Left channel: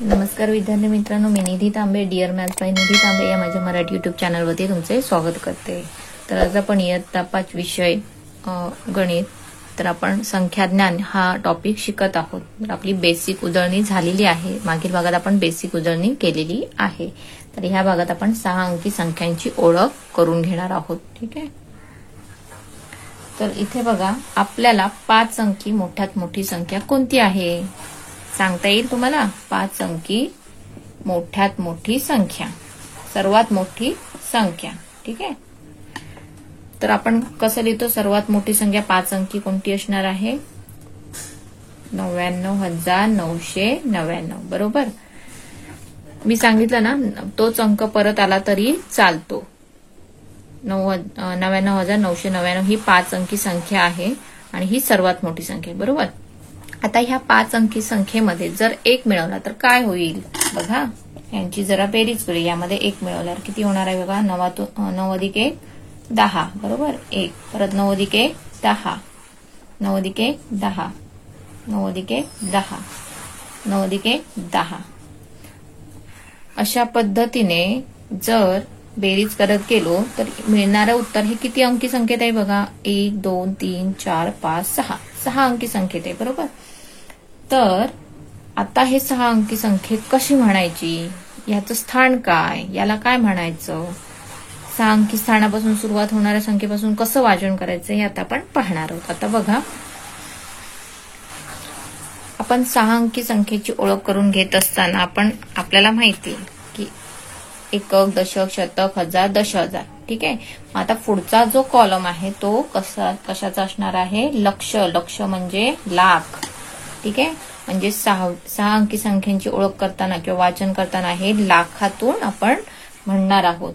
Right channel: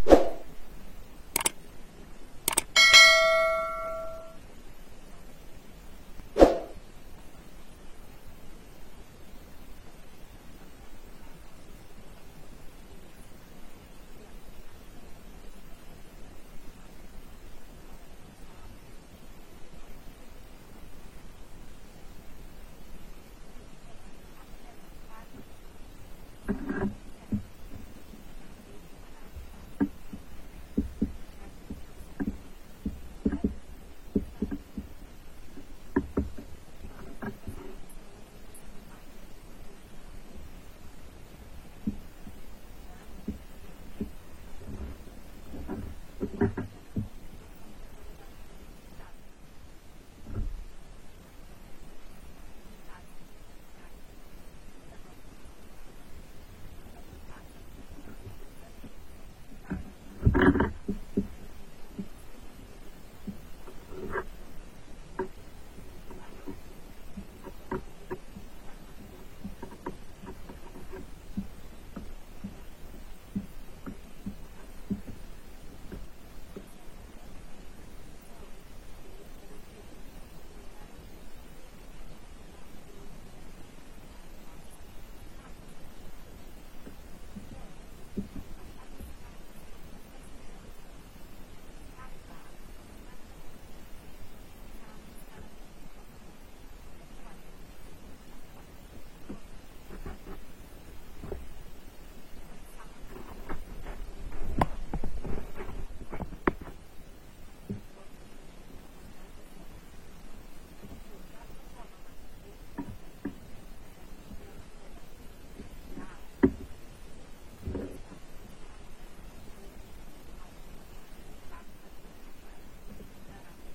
नमस्कार विद्यार्थी मित्रांनो, मी निधी तांबे, डिअर मॅथ्स बाय निधी तांबे या माझ्या मराठी यूट्यूब चॅनलवरती तुमचे स्वागत करते. तर आज आपण इयत्ता 5 विषय गणित, तर आपण संख्याज्ञान हा टॉपिक शिकत आहोत. तर आपली बेसिक उजळणी झालेली आहे. मागील भागात आपण बेसिक उजळणी केलेली आहे. तर ह्या भागात आपण 6 अंकी संख्यांची ओळख करून घेणार आहोत. ठीक आहे. तर इथे बघा, आपल्याला 5 अंकी मोठ्यात मोठी संख्या कोणती आहे सांगता येईल तुम्हाला? 5 अंकी मोठ्यात मोठी संख्या, सर्वात मोठी संख्या. ठीक आहे. तर आपण कसं लिहितो? सर्वात मोठी संख्या 5 अंकी कोणती असणार आहे? 99,999. बरोबर. मी सांगितलं ना, तोच अंक परत आला तरी चालतो. 99,999 ही 5 अंकी संख्या आहे आणि ही सर्वात मोठी संख्या. बरोबर. आता ह्या 5 अंकी संख्येमध्ये जर 1 मिळवला तर काय होईल? बघा, यांची जरा बेरीज करूया. यामध्ये 1 मिळवल्यावर किती होणार आहे? बघा, 9 अधिक 1 10. बरोबर. 1 परत 9 अधिक 1 10, 9 अधिक 1 10, 9 अधिक 1 10, 9 अधिक 1 10. अशा पद्धतीने जर बेरीज करत गेलो तर मिळणारं उत्तर हे किती अंकी संख्येत आहे? बघा, 1 2 3 4 5 6 6 अंकी संख्येत आहे. बरोबर. तर आता हे 6 अंकी संख्येत कशी म्हणायची? याचं स्थान काय? याला काय म्हणायचं? 6 अंकी स्थानापासून सुरुवात होणाऱ्या संख्येपासून कसं वाचन करायचं हे आता आपण पाहणार आहोत. आता बघा, आपण 6 अंकी संख्येची ओळख करून घेत असताना आपल्याला माहिती की एकक, दशक, शतक, हजार, दशहजार. ठीक आहे. आता पुढचा जो कॉलम आहे तो कशाचा असणार आहे? लक्ष. लक्ष म्हणजे लाख. ठीक आहे. म्हणजे 6 अंकी संख्यांची ओळख करताना किंवा वाचन करताना हे लाखातून आपण म्हणणार आहोत.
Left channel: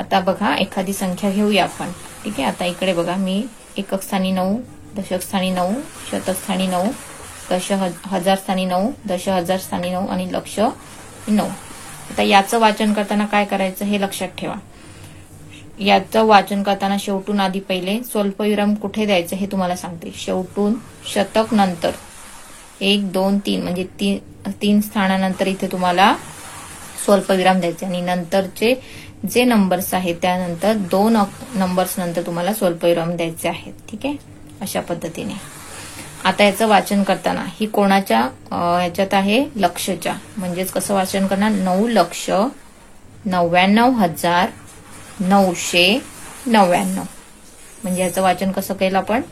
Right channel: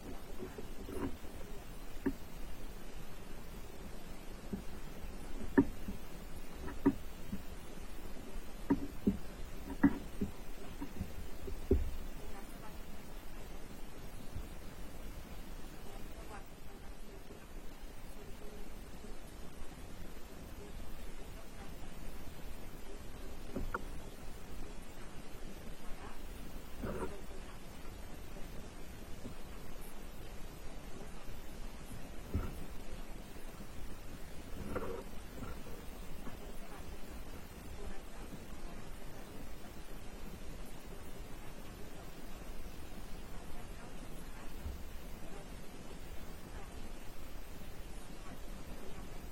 आता बघा, एखादी संख्या घेऊया आपण. ठीक आहे. आता इकडे बघा, मी एकक स्थानी 9, दशक स्थानी 9, शतक स्थानी 9, हजार स्थानी 9, दशहजार स्थानी 9 आणि लक्ष 9. आता याचं वाचन करताना काय करायचं हे लक्षात ठेवा. याचं वाचन करताना शेवटून आधी पहिले स्वल्पविराम कुठे द्यायचं हे तुम्हाला सांगते. शेवटून शतक नंतर 1 2 3 म्हणजे 3 स्थानानंतर इथे तुम्हाला स्वल्पविराम द्यायचे आणि नंतरचे जे नंबर्स आहेत त्यानंतर 2 नंबर्स नंतर तुम्हाला स्वल्पविराम द्यायचे आहेत. ठीक आहे. अशा पद्धतीने आता याचं वाचन करताना ही कोणाच्या ह्याच्यात आहे? लक्षच्या. म्हणजेच कसं वाचन करणार? 9,99,999. म्हणजे याचं वाचन कसं केलं आपण?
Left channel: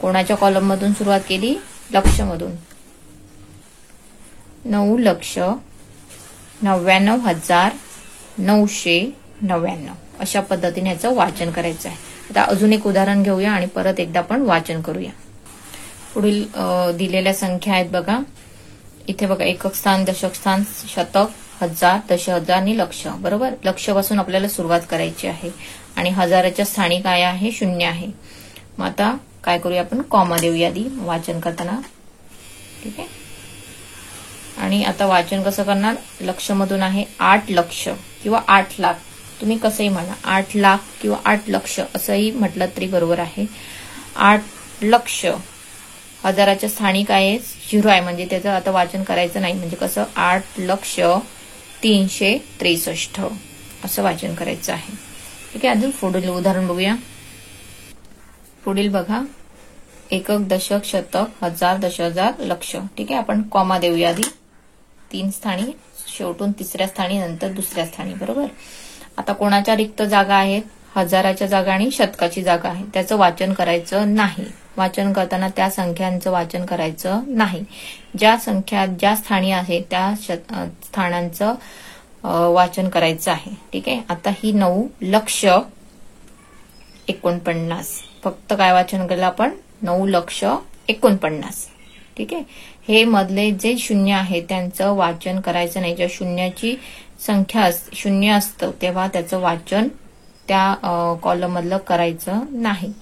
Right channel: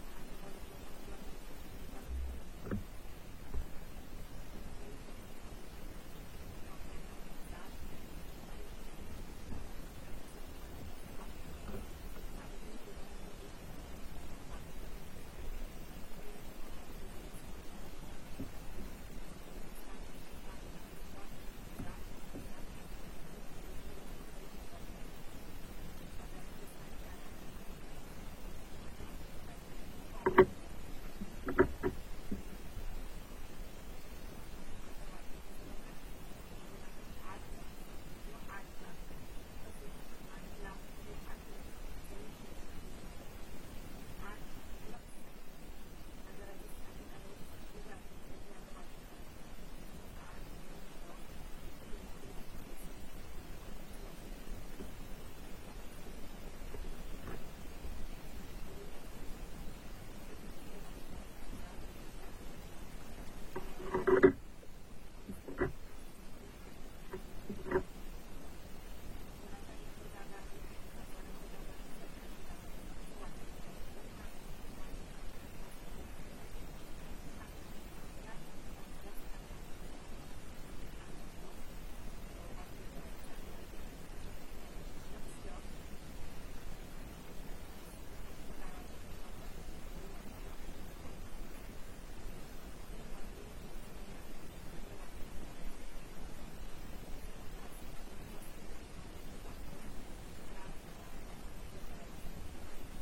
कोणाच्या कॉलम मधून सुरुवात केली? लक्ष मधून. 9,99,999. अशा पद्धतीने याचं वाचन करायचं आहे. आता अजून एक उदाहरण घेऊया आणि परत एकदा आपण वाचन करूया. पुढील दिलेल्या संख्या आहेत बघा. इथे बघा, एकक स्थान, दशक स्थान, शतक, हजार, दशहजार आणि लक्ष. बरोबर. लक्ष पासून आपल्याला सुरुवात करायची आहे आणि हजाराच्या स्थानी काय आहे? 0 आहे. मग आता काय करूया आपण? कॉमा देऊया आधी वाचन करताना. ठीक आहे. आणि आता वाचन कसं करणार? लक्ष मधून आहे 8 लक्ष किंवा 8 लाख. तुम्ही कसंही म्हणा, 8 लाख किंवा 8 लक्ष असंही म्हटलं तरी बरोबर आहे. 8 लक्ष. हजाराच्या स्थानी काय आहे? 0 आहे. म्हणजे त्याचं आता वाचन करायचं नाही. म्हणजे कसं? 8,03,63 असं वाचन करायचं आहे. ठीक आहे. अजून पुढील उदाहरण बघूया. पुढील बघा, एकक, दशक, शतक, हजार, दशहजार, लक्ष. ठीक आहे. आपण कॉमा देऊया आधी 3 स्थानी, शेवटून 3ऱ्या स्थानी, नंतर 2ऱ्या स्थानी. बरोबर. आता कोणाच्या रिक्त जागा आहेत? हजाराच्या जागा आणि शतकाची जागा आहे. त्याचं वाचन करायचं नाही. वाचन करताना त्या संख्यांचं वाचन करायचं नाही. ज्या संख्या ज्या स्थानी आहे त्या स्थानांचं वाचन करायचं आहे. ठीक आहे. आता ही 9,49,00,000. फक्त काय वाचन केलं आपण? 9,49,00,000. ठीक आहे. हे मधले जे शून्य आहे त्यांचं वाचन करायचं नाही. ज्या शून्याची संख्या 0 असतं तेव्हा त्याचं वाचन त्या कॉलम मधलं करायचं नाही.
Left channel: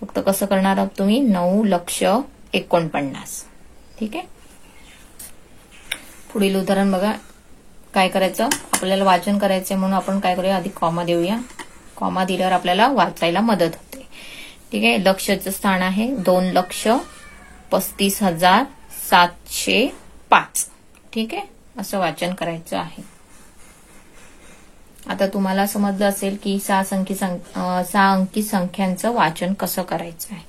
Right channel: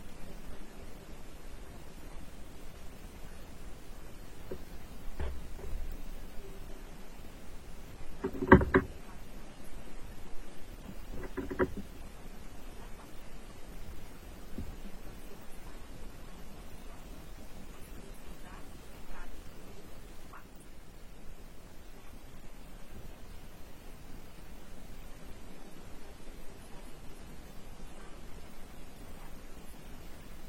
फक्त कसं करणार आहोत तुम्ही? 9,49,00,000. ठीक आहे. पुढील उदाहरण बघा. काय करायचं? आपल्याला वाचन करायचंय म्हणून आपण काय करूया? आधी कॉमा देऊया. कॉमा दिल्यावर आपल्याला वाचायला मदत होते. ठीक आहे. लक्षचं स्थान आहे 2,35,705. ठीक आहे. असं वाचन करायचं आहे. आता तुम्हाला समजलं असेल की 6 अंकी संख्यांचं वाचन कसं करायचं आहे.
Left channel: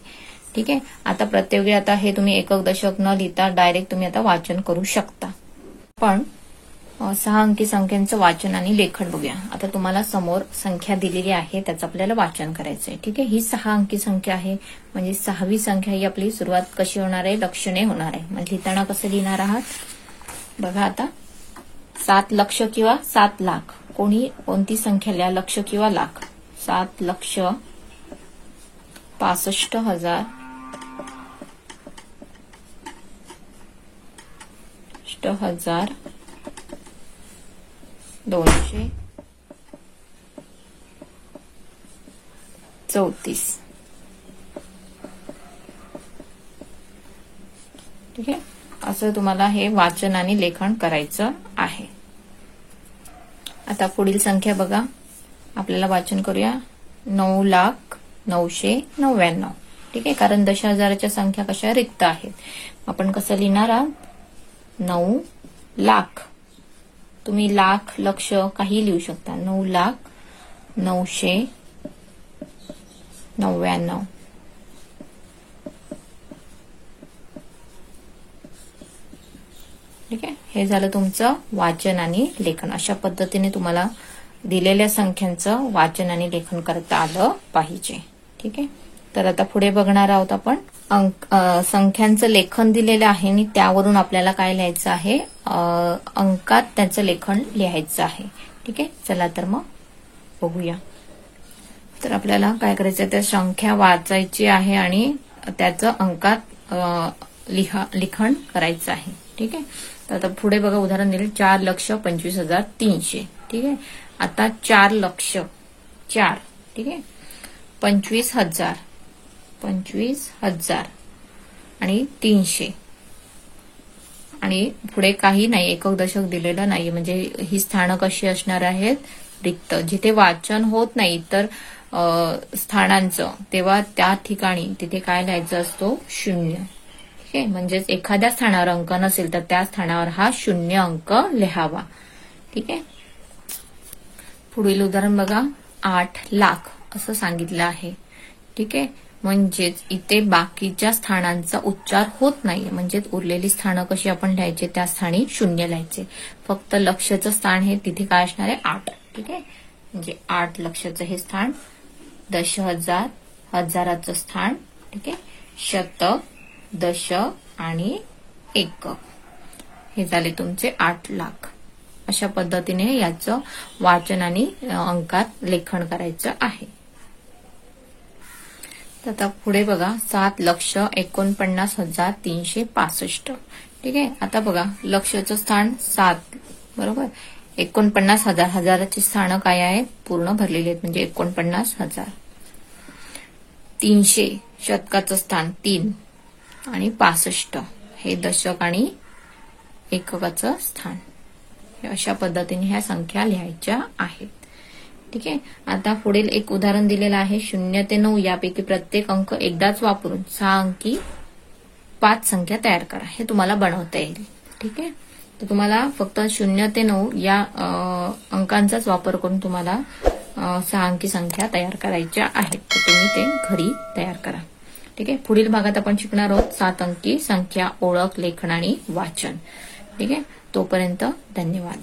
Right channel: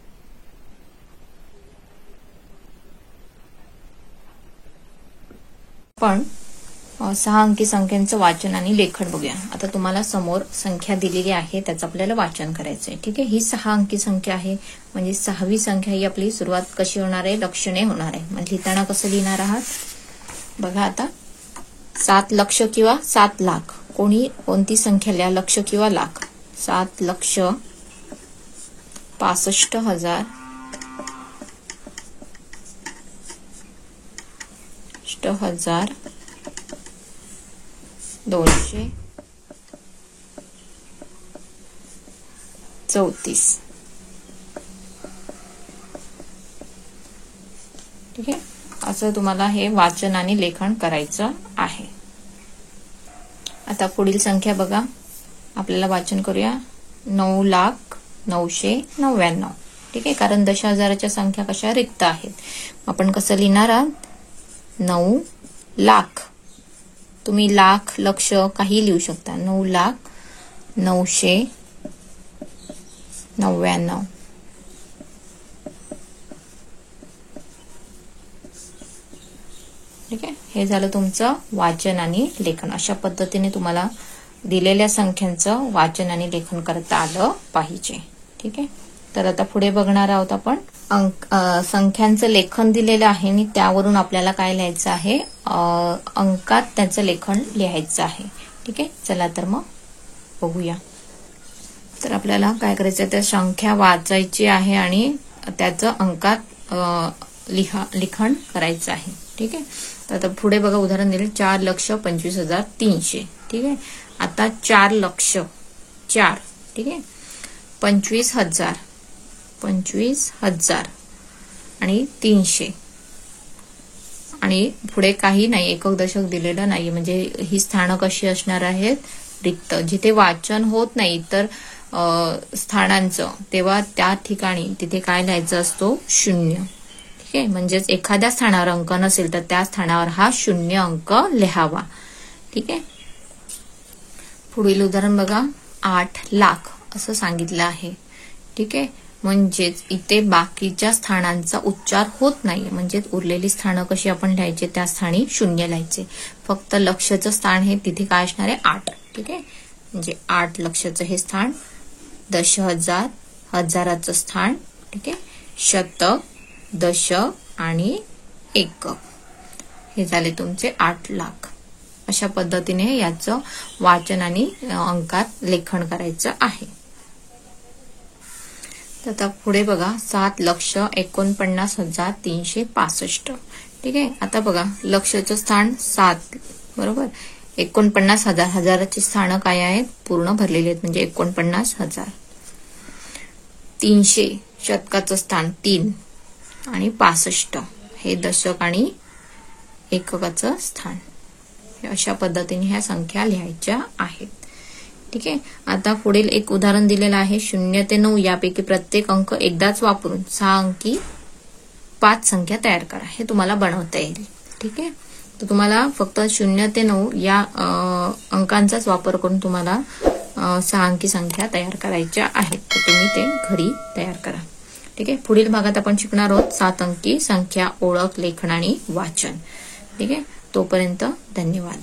ठीक आहे. आता प्रत्येक वेळी आता हे तुम्ही एकक दशक न लिहिता डायरेक्ट तुम्ही आता वाचन करू शकता. पण 6 अंकी संख्यांचं वाचन आणि लेखन बघूया. आता तुम्हाला समोर संख्या दिलेली आहे, त्याचं आपल्याला वाचन करायचं आहे. ठीक आहे. ही 6 अंकी संख्या आहे, म्हणजे 6वी संख्या ही आपली सुरुवात कशी होणार आहे, लक्षणे होणार आहे. म्हणजे लिहिताना कसं लिहिणार आहात बघा. आता 7 लक्ष किंवा 7 लाख, कोणती संख्या लिहा, लक्ष किंवा लाख. 7 लक्ष 65,000 234. ठीक आहे. असं तुम्हाला हे वाचन आणि लेखन करायचं आहे. आता पुढील संख्या बघा, आपल्याला वाचन करूया. 9,09,99. ठीक आहे. कारण दशहजाराच्या संख्या कशा रिक्त आहेत. आपण कसं लिहिणार आहात, 9 लाख. तुम्ही लाख, लक्ष काही लिहू शकता. 9,09,99. ठीक आहे. हे झालं तुमचं वाचन आणि लेखन. अशा पद्धतीने तुम्हाला दिलेल्या संख्यांचं वाचन आणि लेखन करता आलं पाहिजे. ठीक आहे. तर आता पुढे बघणार आहोत आपण. संख्यांचं लेखन दिलेलं आहे आणि त्यावरून आपल्याला काय लिहायचं आहे, अंकात त्याचं लेखन लिहायचं आहे. ठीक आहे. चला तर मग बघूया. तर आपल्याला काय करायचं, त्या संख्या वाचायची आहे आणि त्याचं अंकात लिखाण करायचं आहे. ठीक आहे. तर आता पुढे बघा उदाहरण दिले, 4,25,300. ठीक आहे. आता 4 लक्ष 4. ठीक आहे. 25,000 आणि 300 आणि पुढे काही नाही, एकक दशक दिलेलं नाही. म्हणजे ही स्थानं कशी असणार आहेत, रिक्त. जिथे वाचन होत नाही तर स्थानांचं, तेव्हा त्या ठिकाणी तिथे काय लिहायचं असतो, 0. ठीक आहे. म्हणजेच एखाद्या स्थानावर अंक नसेल तर त्या स्थानावर हा 0 अंक लिहावा. ठीक आहे. पुढील उदाहरण बघा, 8 लाख असं सांगितलं आहे. ठीक आहे. म्हणजेच इथे बाकीच्या स्थानांचा उच्चार होत नाही. म्हणजेच उरलेली स्थानं कशी आपण लिहायची, त्या स्थानी 0 लिहायचे. फक्त लक्षचं स्थान हे तिथे काय असणार आहे, 8. ठीक आहे. म्हणजे 8 लक्षचं हे स्थान, दशहजार, हजाराचं स्थान. ठीक आहे. शतक, दशक आणि एकक, हे झाले तुमचे 8 लाख. अशा पद्धतीने याचं वाचन आणि अंकात लेखन करायचं आहे. तर आता पुढे बघा, 7,49,365. ठीक आहे. आता बघा, लक्षाचं स्थान 7 बरोबर, 49,000, हजाराची स्थानं काय आहेत, पूर्ण भरलेली आहेत, म्हणजे 49,000. 300 शतकाचं स्थान 3 आणि 65 हे दशक आणि एककाचं स्थान. अशा पद्धतीने ह्या संख्या लिहायच्या आहेत. ठीक आहे. आता पुढील एक उदाहरण दिलेलं आहे, 0 ते 9 यापैकी प्रत्येक अंक एकदाच वापरून 6 अंकी 5 संख्या तयार करा. हे तुम्हाला बनवता येईल. ठीक आहे. तर तुम्हाला फक्त 0 ते 9 या अंकांचाच वापर करून तुम्हाला 6 अंकी संख्या तयार करायच्या आहेत. तर तुम्ही ते घरी तयार करा. ठीक आहे. पुढील भागात आपण शिकणार आहोत 7 अंकी संख्या, ओळख, लेखन आणि वाचन. ठीक आहे. तोपर्यंत धन्यवाद.